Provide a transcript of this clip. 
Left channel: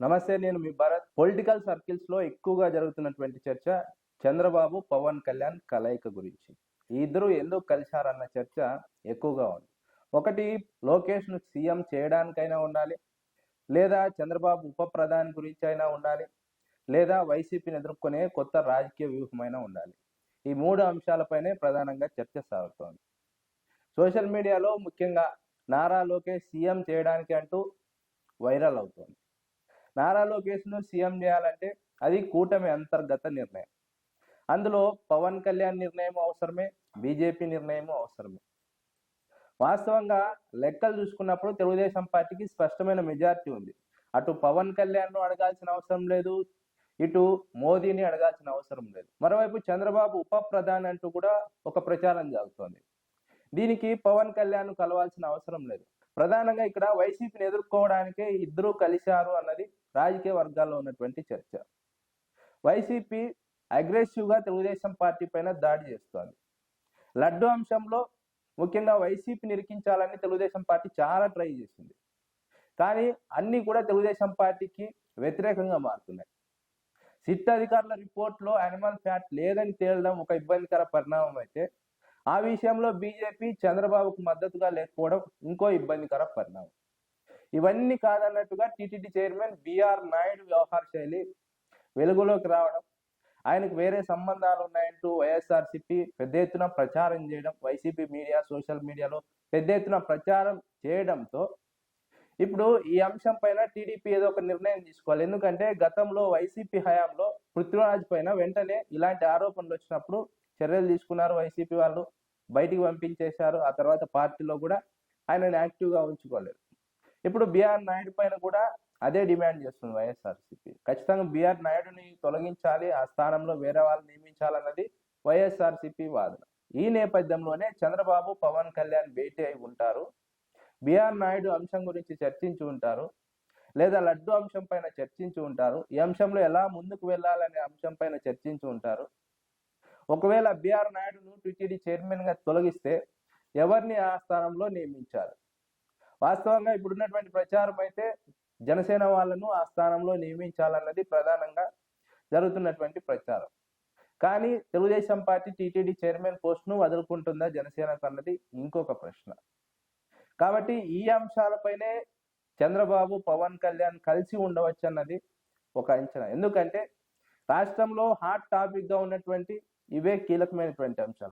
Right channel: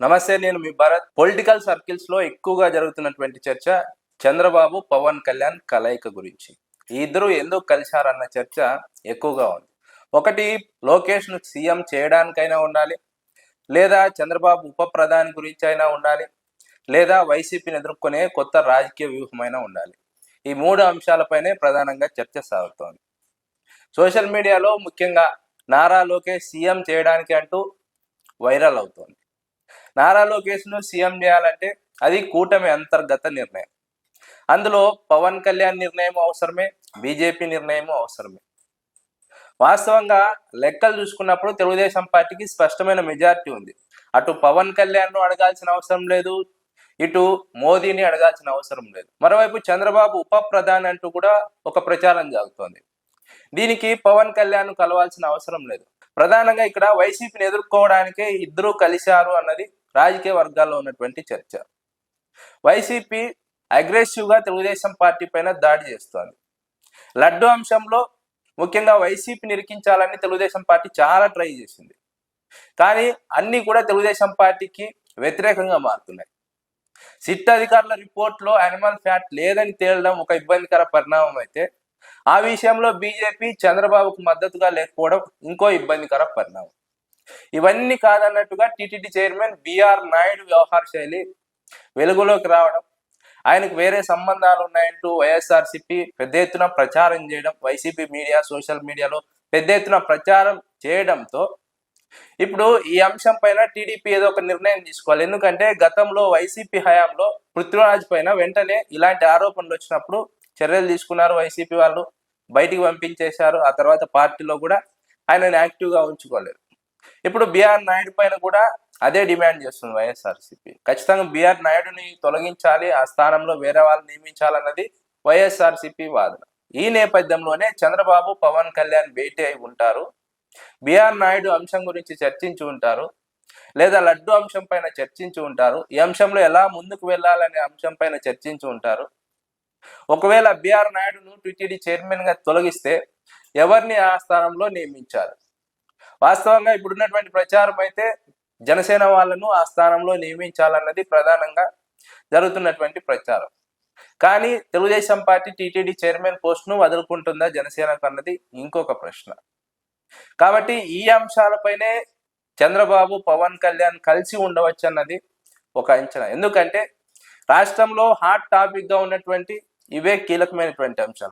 నమస్తే, నేను మీ Bharat. Political circles లో ఎక్కువగా జరుగుతున్నటువంటి చర్చ చంద్రబాబు పవన్ కళ్యాణ్ కలయిక గురించి. ఈ ఇద్దరు ఎందుకు కలిశారన్న చర్చ ఎక్కువగా ఉంది. ఒకటి, లోకేష్ ను సీఎం చేయడానికైనా ఉండాలి, లేదా చంద్రబాబు ఉప ప్రధాని గురించి అయినా ఉండాలి, లేదా వైసీపీని ఎదుర్కొనే కొత్త రాజకీయ వ్యూహమైనా ఉండాలి. ఈ మూడు అంశాలపైనే ప్రధానంగా చర్చ సాగుతోంది. సోషల్ మీడియాలో ముఖ్యంగా నారా లోకేష్ సీఎం చేయడానికి అంటూ వైరల్ అవుతోంది. నారా లోకేష్ను సీఎం చేయాలంటే అది కూటమి అంతర్గత నిర్ణయం. అందులో పవన్ కళ్యాణ్ నిర్ణయం అవసరమే, బీజేపీ నిర్ణయం అవసరమే. వాస్తవంగా లెక్కలు చూసుకున్నప్పుడు తెలుగుదేశం పార్టీకి స్పష్టమైన మెజారిటీ ఉంది. అటు పవన్ కళ్యాణ్ను అడగాల్సిన అవసరం లేదు, ఇటు మోదీని అడగాల్సిన అవసరం లేదు. మరోవైపు చంద్రబాబు ఉప ప్రధాని అంటూ కూడా ఒక ప్రచారం జరుగుతోంది. దీనికి పవన్ కళ్యాణ్ కలవాల్సిన అవసరం లేదు. ప్రధానంగా ఇక్కడ వైసీపీని ఎదుర్కోవడానికే ఇద్దరు కలిశారు అన్నది రాజకీయ వర్గాల్లో ఉన్నటువంటి చర్చ. వైసీపీ అగ్రెసివ్గా తెలుగుదేశం పార్టీ పైన దాడి చేస్తోంది. లడ్డు అంశంలో ముఖ్యంగా వైసీపీని ఇరికించాలని తెలుగుదేశం పార్టీ చాలా ట్రై చేసింది. కానీ అన్నీ కూడా తెలుగుదేశం పార్టీకి వ్యతిరేకంగా మారుతున్నాయి. సిట్ అధికారుల రిపోర్ట్లో యానిమల్ ఫ్యాట్ లేదని తేలడం ఒక ఇబ్బందికర పరిణామం అయితే, ఆ విషయంలో బీజేపీ చంద్రబాబుకు మద్దతుగా లేకపోవడం ఇంకో ఇబ్బందికర పరిణామం. ఇవన్నీ కాదన్నట్టుగా టీటీడీ చైర్మన్ బిఆర్ నాయుడు వ్యవహార శైలి వెలుగులోకి రావడం, ఆయనకు వేరే సంబంధాలు ఉన్నాయంటూ వైఎస్ఆర్సీపీ పెద్ద ఎత్తున ప్రచారం చేయడం, వైసీపీ మీడియా సోషల్ మీడియాలో పెద్ద ఎత్తున ప్రచారం చేయడంతో ఇప్పుడు ఈ అంశం పైన టీడీపీ ఏదో ఒక నిర్ణయం తీసుకోవాలి. ఎందుకంటే గతంలో వైసీపీ హయాంలో పృథ్వీరాజ్ పైన వెంటనే ఇలాంటి ఆరోపణలు వచ్చినప్పుడు చర్యలు తీసుకున్నారు. వైసీపీ వాళ్ళు బయటికి పంపించేశారు. ఆ తర్వాత పార్టీలో కూడా ఆయనని యాక్టివ్గా ఉంచుకోలేదు. ఇప్పుడు బిఆర్ నాయుడు పైన కూడా అదే డిమాండ్ చేస్తుంది వైఎస్ఆర్సీపీ. ఖచ్చితంగా బిఆర్ నాయుడుని తొలగించాలి, ఆ స్థానంలో వేరే వాళ్ళని నియమించాలన్నది వైఎస్ఆర్సీపీ వాదన. ఈ నేపథ్యంలోనే చంద్రబాబు పవన్ కళ్యాణ్ భేటీ అయి ఉంటారు. బిఆర్ నాయుడు అంశం గురించి చర్చించి ఉంటారు, లేదా లడ్డు అంశం పైన చర్చించి ఉంటారు. ఈ అంశంలో ఎలా ముందుకు వెళ్ళాలనే అంశం పైన చర్చించి ఉంటారు. ఒకవేళ బిఆర్ నాయుడును టీటీడీ చైర్మన్ గా తొలగిస్తే ఎవరిని ఆ స్థానంలో నియమించారు? వాస్తవంగా ఇప్పుడున్నటువంటి ప్రచారం అయితే జనసేన వాళ్ళను ఆ స్థానంలో నియమించాలన్నది ప్రధానంగా జరుగుతున్నటువంటి ప్రచారం. కానీ తెలుగుదేశం పార్టీ టీటీడీ చైర్మన్ పోస్ట్ను వదులుకుంటుందా జనసేనకు అన్నది ఇంకొక ప్రశ్న. కాబట్టి ఈ అంశాలపైనే చంద్రబాబు పవన్ కళ్యాణ్ కలిసి ఉండవచ్చు అన్నది ఒక అంచనా. ఎందుకంటే రాష్ట్రంలో హాట్ టాపిక్ గా ఉన్నటువంటి ఇవే కీలకమైనటువంటి అంశాలు.